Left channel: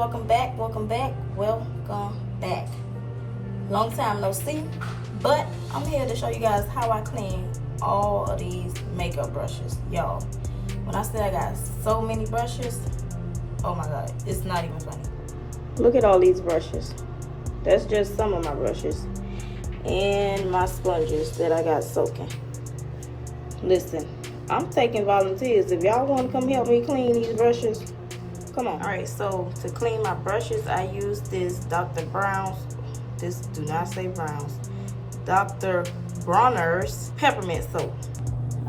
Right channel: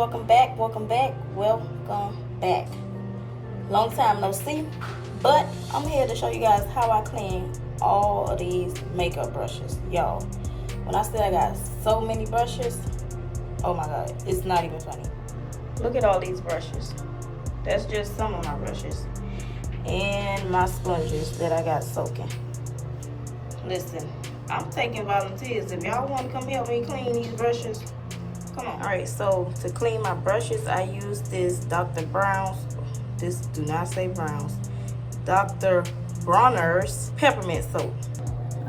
welcome back. Long time no see, but I'm here to show you guys how I clean all of these makeup brushes. Y'all, when I say I got so many brushes, oh my god, it's not even funny. Look at all these brushes. That's just some of my brushes and my sponges that I got soaking. Listen, I'm taking volunteers. If y'all want to come help me clean these brushes, come on. All right, so to clean my brushes, I use this Dr. Brown's, do not say Brown's, Dr. Bronner's peppermint soap.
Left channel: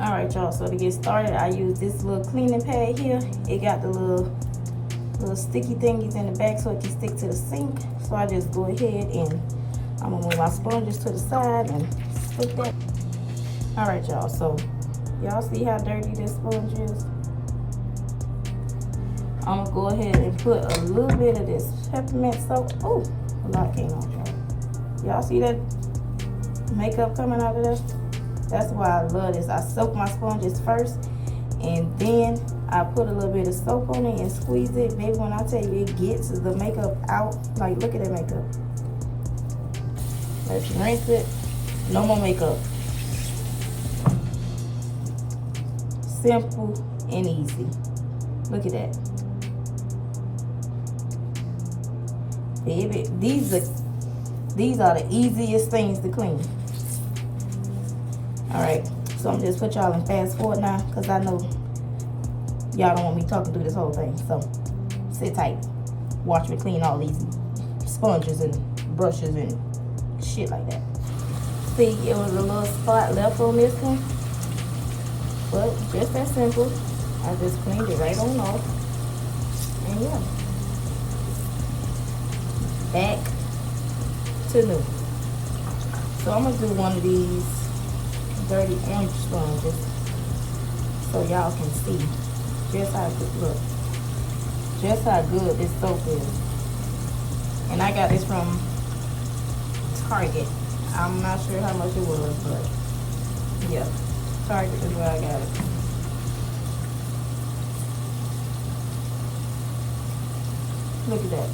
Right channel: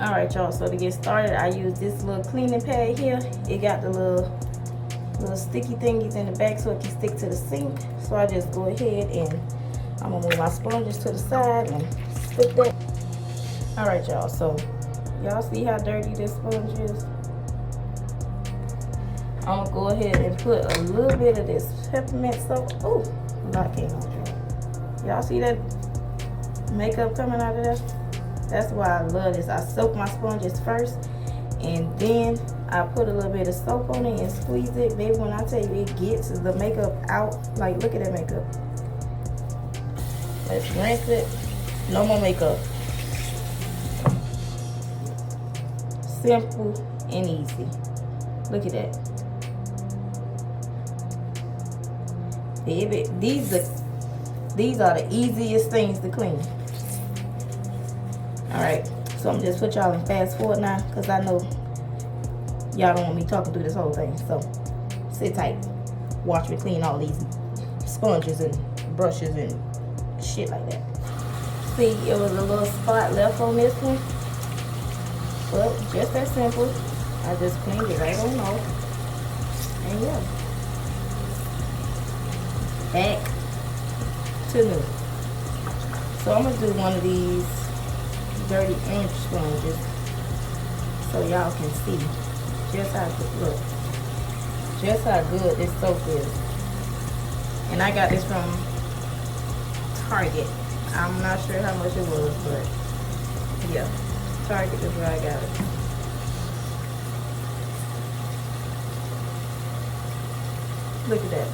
All right, y'all, so to get started, I use this little cleaning pad here. It got the little sticky thingies in the back so it can stick to the sink. So I just go ahead and I'm gonna move my sponges to the side and stick that. All right, y'all, so y'all see how dirty this sponge is? I'm gonna go ahead and put a little bit of this peppermint soap. Oh, a lot came out, y'all. Y'all see that makeup coming out of this? That's why I love this. I soak my sponges first, and then I put a little bit of soap on it and squeeze it. Baby, when I tell you it gets the makeup out, like look at that makeup. Let's rinse it. No more makeup. Simple and easy. Look at that. Baby, these are the easiest things to clean. Alright, so I'm just put y'all in fast forward now because I know y'all don't want me talking through this whole thing. So sit tight. Watch me clean all these sponges and brushes and shit like that. See, it was a little spot left on this one. But just that simple. I just cleaned it right on off. And yeah. Back to new. So I'm gonna do one of these dirty orange sponges so y'all can see just how good, look, just how good this soap is. And I got this from Target. I'm not sure how much it was, but yeah, Target is where I got it. Look at that.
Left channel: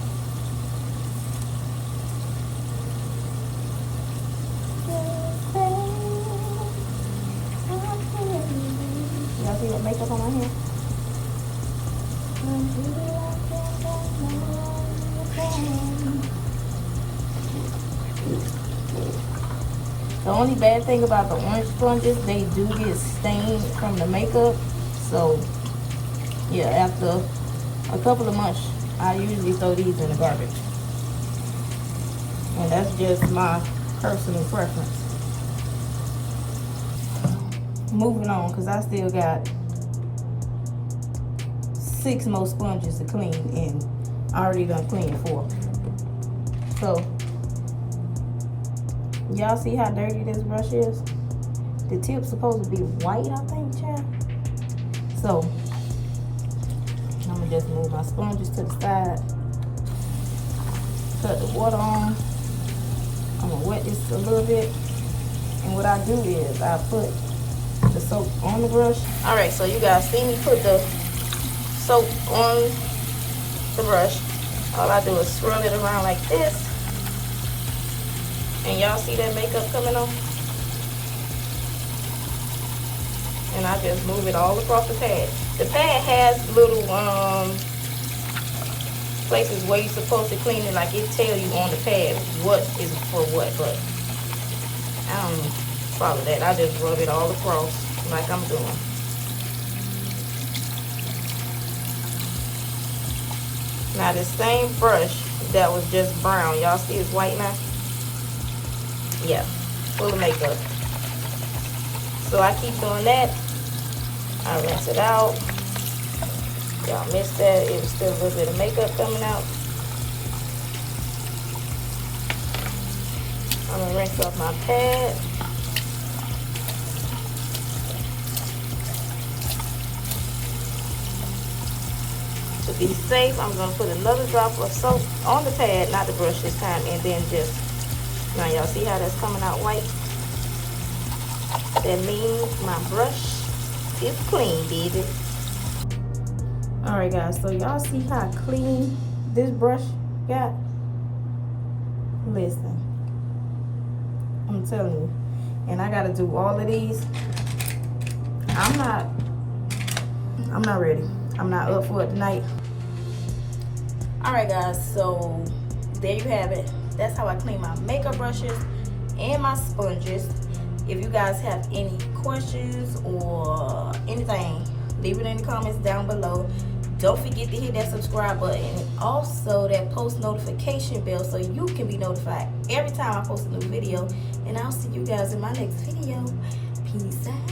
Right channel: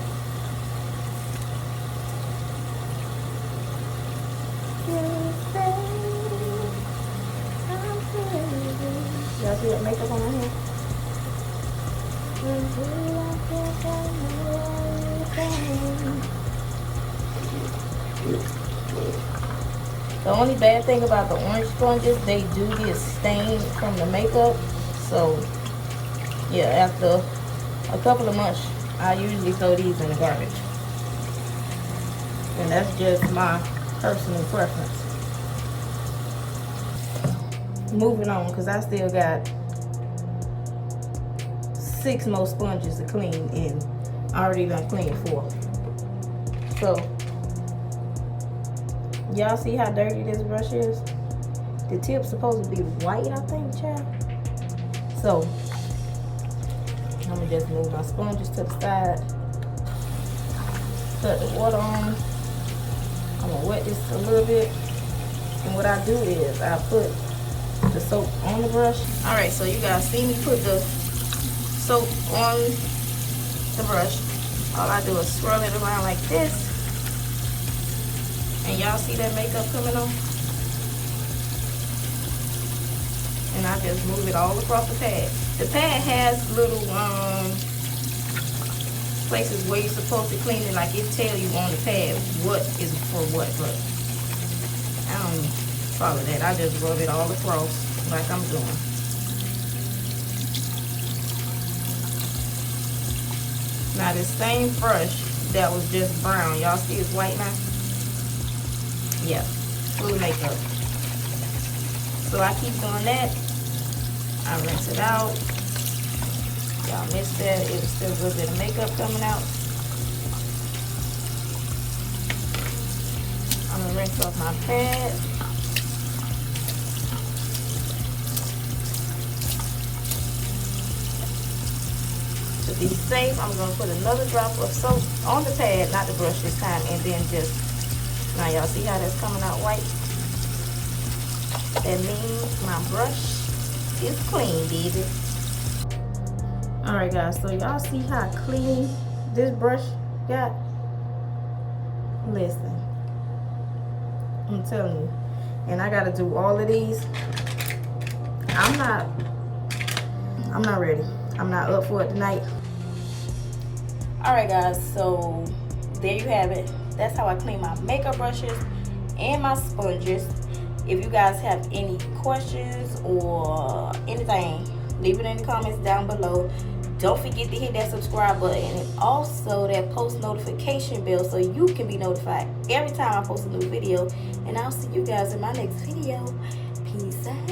Y'all see that makeup on my hair? The only bad thing about the orange sponges, they do get stained from the makeup. So yeah, after a couple of months, I usually throw these in the garbage. And that's just my personal preference. Moving on, because I still got 6 more sponges to clean, and I already done cleaned 4. So y'all see how dirty this brush is? The tip's supposed to be white, I think, child. So I'm gonna just move my sponges to the side, cut the water on. I'm gonna wet this a little bit, and what I do is I put the soap on the brush. All right, so you guys see me put the soap on the brush. All I do is swirl it around like this, and y'all see that makeup coming on? And I just move it all across the pad. The pad has little places where you're supposed to clean it, like it tell you on the pad what is for what, but I don't follow that. I just rub it all across like I'm doing. Now the same brush that was just brown, y'all see it's white now? Yeah, full of makeup. So I keep doing that. I rinse it out. Y'all missed that. It was still a little bit of makeup coming out. I'm gonna rinse off my pad. To be safe, I'm gonna put another drop of soap on the pad, not the brush this time, and then just, now y'all see how that's coming out white? That means my brush is clean, baby. All right, guys, so y'all see how clean this brush got, listen, I'm telling you. And I gotta do all of these. I'm not ready. I'm not up for it tonight. Alright guys, so there you have it. That's how I clean my makeup brushes and my sponges. If you guys have any questions or anything, leave it in the comments down below. Don't forget to hit that subscribe button and also that post notification bell so you can be notified every time I post a new video. And I'll see you guys in my next video. Peace out.